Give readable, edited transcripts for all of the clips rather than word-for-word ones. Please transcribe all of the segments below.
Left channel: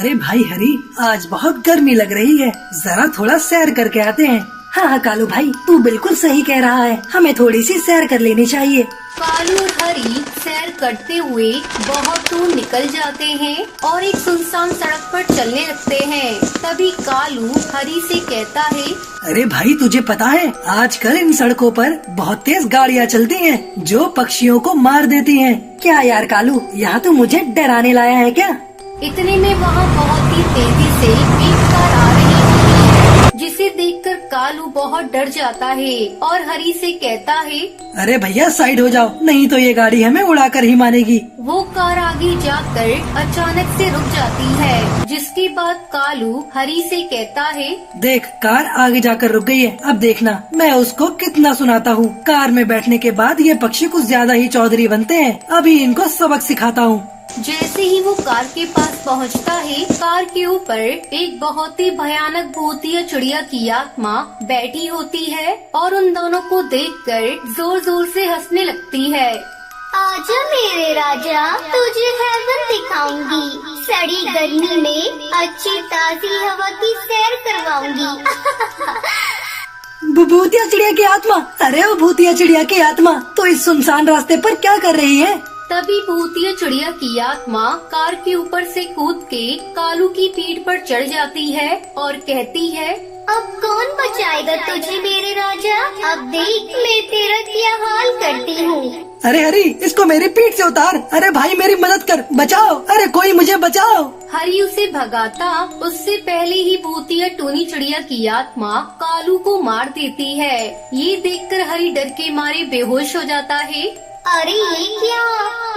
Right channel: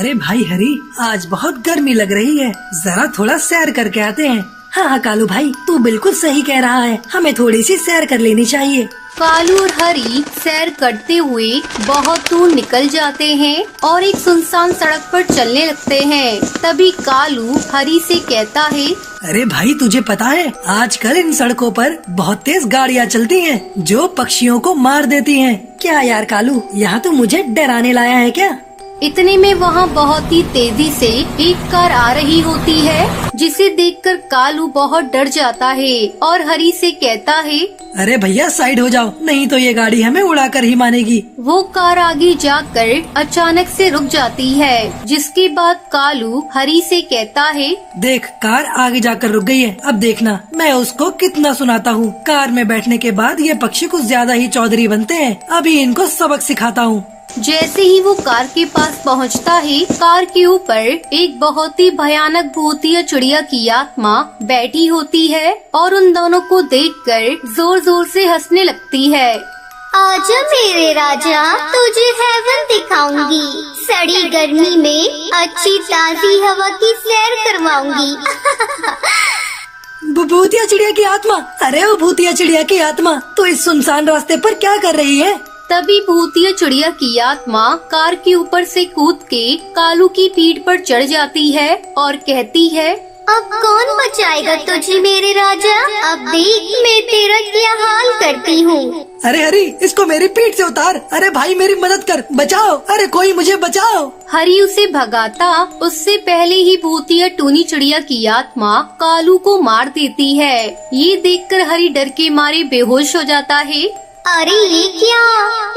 अरे भाई हरी, आज बहुत गर्मी लग रही है, जरा थोड़ा सैर करके आते हैं। हाँ हाँ कालू भाई, तू बिल्कुल सही कह रहा है, हमें थोड़ी सी सैर कर लेनी चाहिए। कालू और हरी सैर करते हुए बहुत दूर निकल जाते हैं और एक सुनसान सड़क पर चलने लगते हैं। तभी कालू हरी से कहता है, अरे भाई तुझे पता है, आजकल इन सड़कों पर बहुत तेज गाड़ियाँ चलती हैं, जो पक्षियों को मार देती हैं। क्या यार कालू, यहाँ तो मुझे डराने लाया है क्या? इतने में वहाँ बहुत ही तेजी से एक कार आ रही होती है, जिसे देखकर कालू बहुत डर जाता है और हरी से कहता है, अरे भैया साइड हो जाओ, नहीं तो ये गाड़ी हमें उड़ाकर ही मारेगी। वो कार आगे जाकर अचानक से रुक जाती है, जिसके बाद कालू हरी से कहता है, देख कार आगे जाकर रुक गई है, अब देखना मैं उसको कितना सुनाता हूँ। कार में बैठने के बाद ये पक्षी कुछ ज्यादा ही चौधरी बनते हैं, अभी इनको सबक सिखाता हूँ। जैसे ही वो कार के पास पहुंचता है, कार के ऊपर एक बहुत ही भयानक भूतिया चिड़िया की आत्मा बैठी होती है और उन दोनों को देखकर जोर जोर से हंसने लगती है। आजा मेरे राजा, तुझे हेवन दिखाऊंगी। सड़ी गर्मी में अच्छी ताजी हवा की सैर करवाऊंगी। भूतिया चिड़िया की आत्मा, अरे वो भूतिया चिड़िया की आत्मा तो इस सुनसान रास्ते पर क्या कर रही है? तभी भूतिया चिड़िया की आत्मा कार के ऊपर से कूद के कालू की पीठ पर चढ़ जाती है और कहती है, अब कौन बचाएगा तुझे मेरे राजा? अब देख मैं तेरा क्या हाल करती हूँ। अरे हरी, इसको मेरी पीठ से उतार। अरे भाई मेरी मदद कर, बचाओ, अरे कोई मुझे बचाओ। हरी उसे भगाता उससे पहले ही भूतिया टूनी चिड़िया की आत्मा कालू को मार देती है। ये देखकर हरी डर के मारे बेहोश हो जाता है। अरे ये क्या,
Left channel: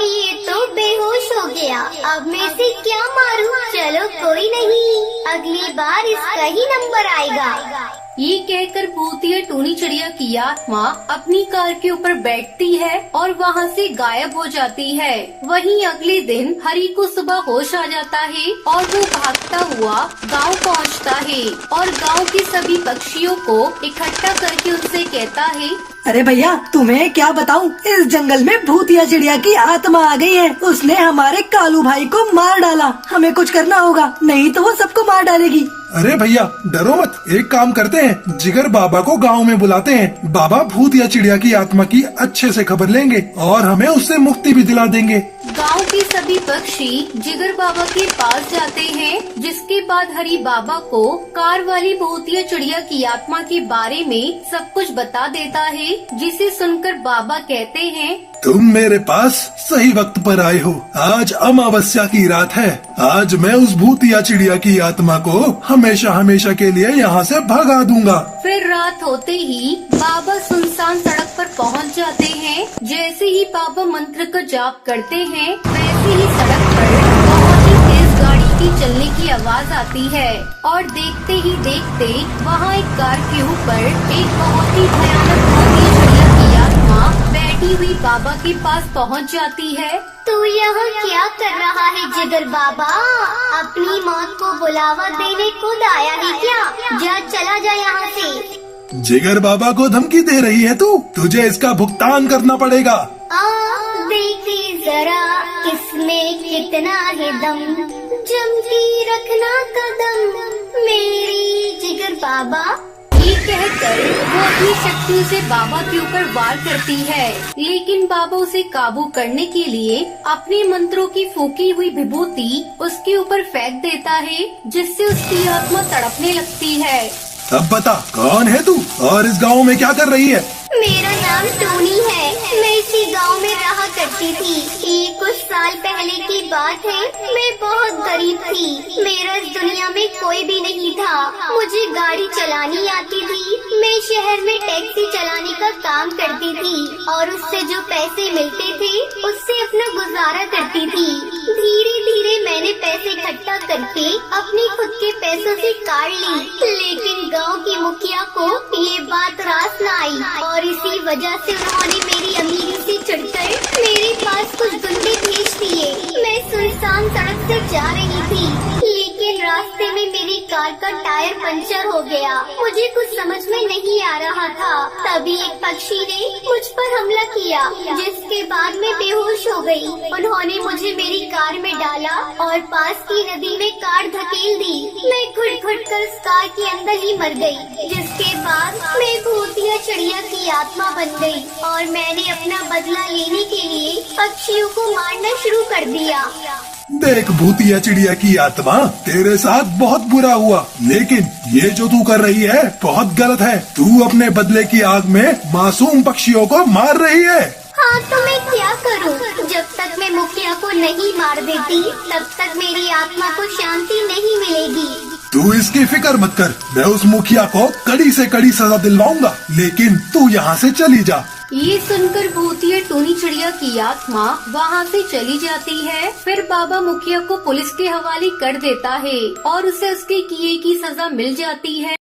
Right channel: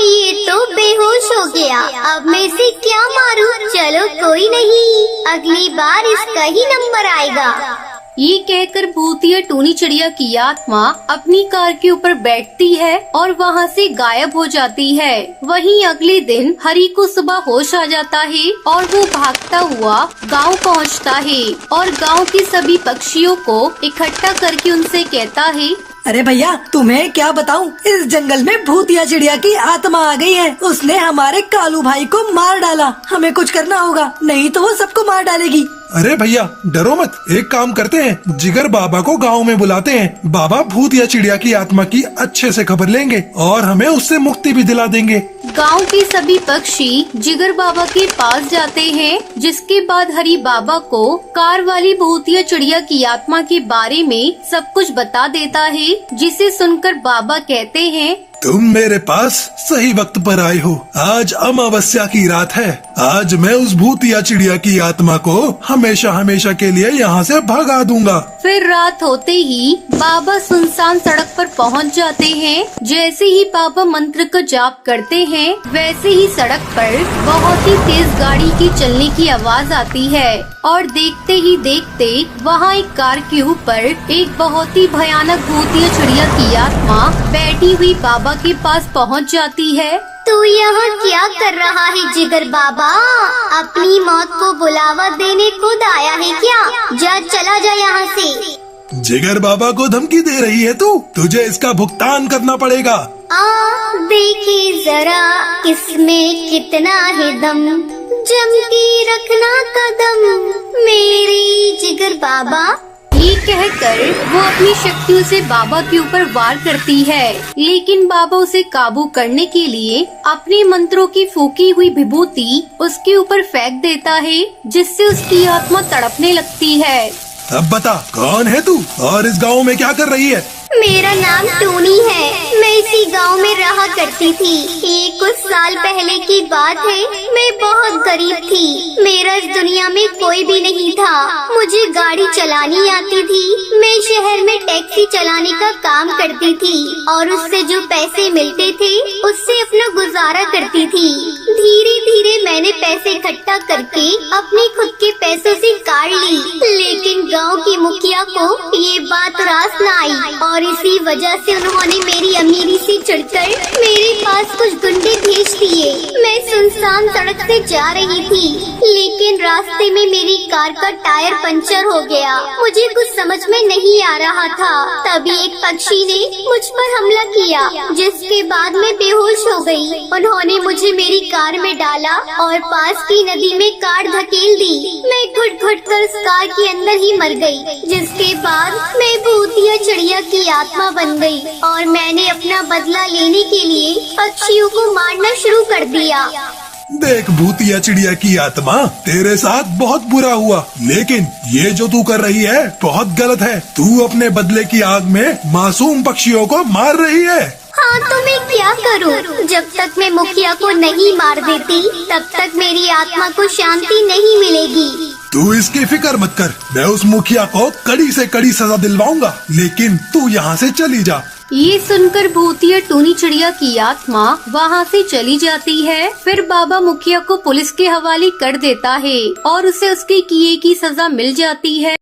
ये तो बेहोश हो गया, अब मैं इसे क्या मारूं? चलो कोई नहीं, अगली बार इसका ही नंबर आएगा। ये कहकर भूतिया टूनी चिड़िया की आत्मा अपनी कार के ऊपर बैठती है और वहाँ से गायब हो जाती है। वहीं अगले दिन हरी को सुबह होश आ जाता है और वो भागता हुआ गांव पहुँचता है और गांव के सभी पक्षियों को इकट्ठा करके उनसे कहता है, अरे भैया तुम्हें क्या बताऊं, इस जंगल में भूतिया चिड़िया की आत्मा आ गई है। उसने हमारे कालू भाई को मार डाला, हमें कुछ करना होगा, नहीं तो वो सबको मार डालेगी। अरे भैया डरो मत, एक काम करते हैं, जिगर बाबा को गांव में बुलाते हैं। बाबा भूतिया चिड़िया की आत्मा की अच्छे से खबर लेंगे और हमें उससे मुक्ति भी दिला देंगे। गांव के सभी पक्षी जिगर बाबा के पास जाते हैं, जिसके बाद हरी बाबा को कार वाली भूतिया चिड़िया की आत्मा के बारे में सब कुछ बता देता है, जिसे सुनकर बाबा कहते हैं, तुम मेरे पास सही वक्त पर आए हो। आज अमावस्या की रात है, आज मैं उस भूतिया चिड़िया की आत्मा को हमेशा हमेशा के लिए यहाँ से भगा दूंगा। फिर रात होते ही बाबा सुनसान सड़क पर पहुँच जाते हैं। जैसे ही बाबा मंत्र का जाप करते हैं, वैसे ही सड़क पर बहुत ही तेज गाड़ी की चलने की आवाज आती है और देखते ही देखते वहाँ एक कार के ऊपर एक बहुत ही भयानक भूतिया चिड़िया की आत्मा बैठी हुई बाबा के पास पहुँच जाती है। तो यहाँ क्या कर रहा है जिगर बाबा? अपनी मौत को बुलावा देने खुद आया है क्या? जा चला जा यहाँ से। जिगर बाबा को धमकी दे रही है तू, तुझे इसका भुगतान करना पड़ेगा। देखिए जरा इसमें कितना है दम, जम के रखना कदम मेरी जिगर बाबा। ये कहकर वो अपनी शक्तियों से बाबा के ऊपर वार करती है, लेकिन बाबा उसे काबू करने के लिए अपने मंत्रों की फूकी हुई विभूति उसके ऊपर फेंक देता है, जिससे उसकी आत्मा तड़पने लगती है। अब बता कौन है तू और इस गांव में क्या कर रही है? मेरा नाम टूनी है, मैं इसी गांव में रहा करती थी। ये कुछ साल पहले की बात है, मैं बहुत गरीब थी, मेरा इस दुनिया में कोई भी नहीं था। मुझे गाड़ी चलानी आती थी, मैं शहर में टैक्सी चलाने का काम करती थी और उससे जो पैसे मिलते थे उससे अपना गुजारा करती थी। धीरे धीरे मैंने पैसे इकट्ठा करके अपने खुद के पैसों से कार ली, लेकिन गाँव की मुखिया को ये बात रास न आई और इसी वजह से उन्होंने मेरी अमीरी से चढ़कर मेरे पास कुछ गुंडे भेज दिए। मैं सुनसान सड़क से जा रही थी, लेकिन रास्ते में मेरी कार का टायर पंचर हो गया। मुझे कुछ समझ में नहीं आ रहा था। तभी एक पक्षी ने मुझ पर हमला किया, जिसके बाद मैं बेहोश हो गई। उन्होंने मुझे मेरी कार में डाला और पास की नदी में कार धकेल दी। मैं घुट-घुट कर उस कार के अंदर ही मर गई, जिसके बाद मैं भूतिया चिड़िया की आत्मा बन गई और मैंने अपना बदला लेने के लिए पक्षियों को मारना शुरू कर दिया। देख भूतिया चिड़िया की आत्मा, तेरे साथ बहुत बुरा हुआ, लेकिन ये जो तू कर रही है बहुत गलत है। तू अपने बदले की आग में मासूम पक्षियों को मार रही है। हाँ, तो मैं क्या करूँ? जब तक मैं मुखिया को नहीं मार देती, तब तक मेरी आत्मा को शांति नहीं मिलेगी। तू इसकी फिक्र मत कर, मैं उस मुखिया को कड़ी से कड़ी सजा दिलवाऊंगा, लेकिन तू यहाँ से चली जा। ये सुनकर भूतिया टूनी चिड़िया की आत्मा वहाँ से चली जाती है। फिर बाबा मुखिया को पुलिस के हवाले कर देता है और उसे उसके किए की सजा मिल जाती है।